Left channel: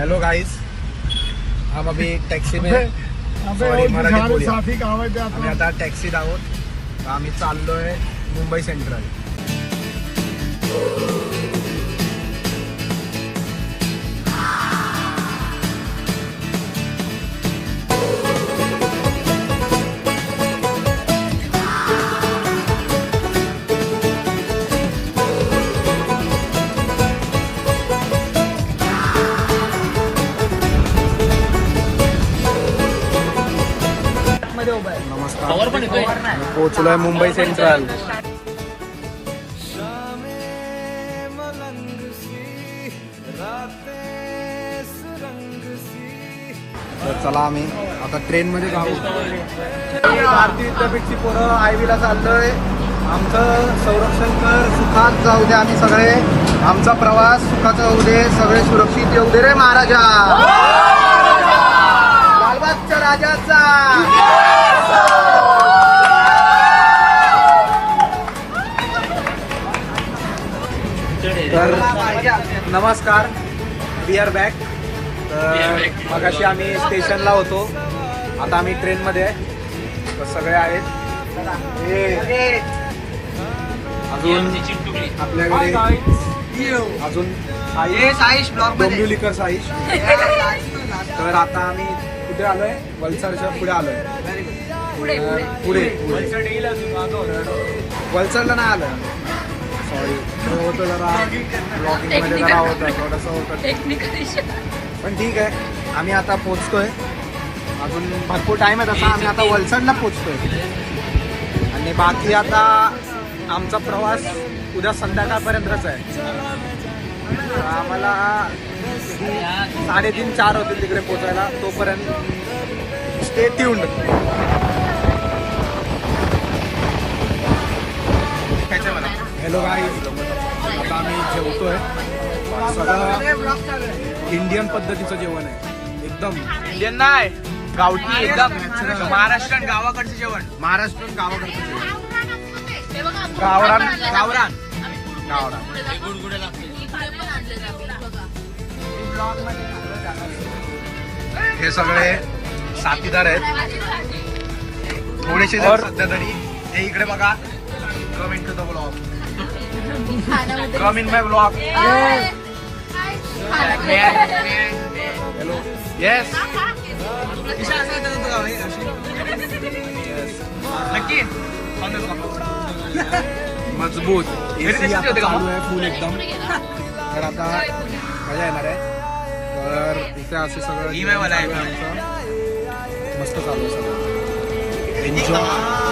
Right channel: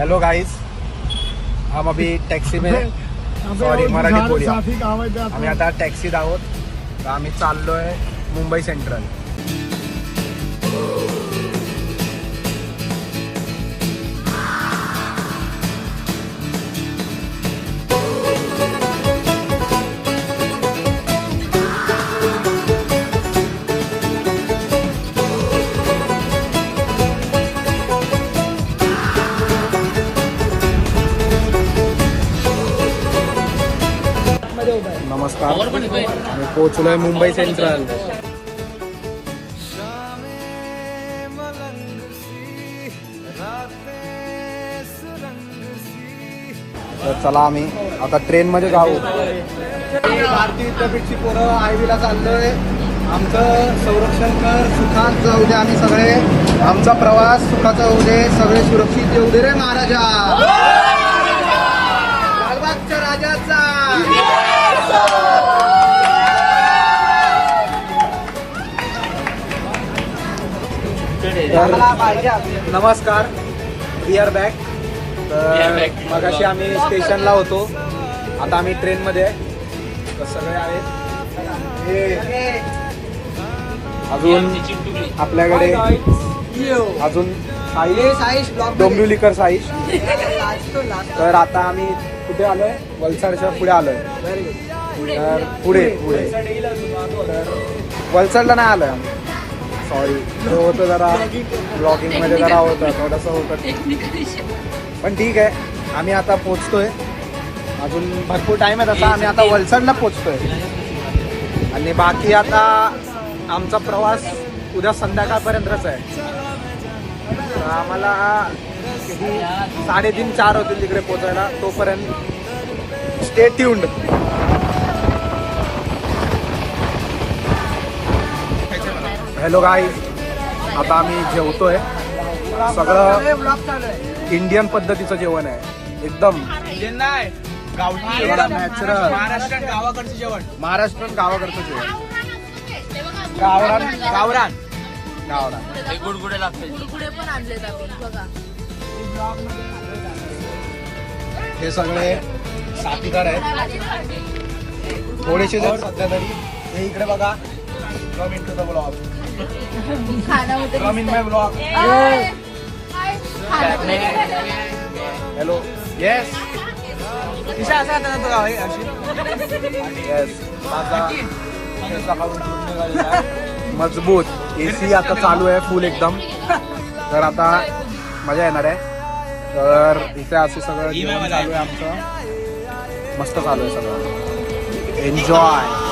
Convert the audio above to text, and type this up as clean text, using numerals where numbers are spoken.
Hello guys, हम अभी taxi में sorry Marathi बोलूया. आम्ही आता टॅक्सीत आहोत. आम्ही चाललोय मुंबई सेंट्रल. नमस्कार, मी पोहोचलोय मुंबई सेंट्रल. तर चला आम्ही आता ट्रेन मध्ये जाऊ. भारतीय विद्यापीठची पोरं आयवीला चाललोय. आमचं संरक्षण कर, सुखात जाऊ दे. आम्ही सगळे आमचा प्रवास सुखाचा होऊ दे. सगळे सुरक्षित येऊ दे रे महाराजा. लालबागच्या राजाचा. तर नमस्कार, वी आर बॅक. तर मगाशी आम्ही स्टेशनला होतो, आता आम्ही ट्रेनमध्ये आहे. तर सगळे आहेत. अजून आपल्याकडे अजून साईश, डोंबिवलीकर साईश. तर आता आम्ही कुठे आलोय? वलसाडच्या पुढे आलोय. तर पुढे वलसाडला नाही आलोय आम्ही. सॉरी, होतं जरा ब्लॉगिंग मध्ये जरा होतं, थोडंसं होतं. पण ठीक आहे, आम्ही आता पोचतोय. अजून भरपूर टाइम आहे तसा. आम्ही आता वलसाडला पोचतोय आणि बाकी आता आमचा प्रवास उद्या संध्याकाळपर्यंतच आहे. तर आम्हाला 3:30-4 होतील तिकडे पोचायला. तोपर्यंत स्टे ट्यून्ड. हॅलो गाईज, आता आम्ही जेवतोय. सगळं इंडियन पद्धतीचं जेवण आहे. एकदम इंडियन नाही, नॅचरल महाराष्ट्रीयन गावाकडचं जेवण. महाराष्ट्रीयन गावाकडचं जेवण. गावरान गावरान गावरान हे सगळे साथीदार आहेत. थोडीशी जर सध्या तरी ते इकडे बघा. Come in to the blog. Come in my blog. Hello. Yes. मजबूत एसी आता चालू आहे फुल एकदम. तर आता मजा येणार आहे. तर इथे असे सगळं जेवण चालू आहे आमचं. मस्त चालू आहे सगळं. एन्जॉय.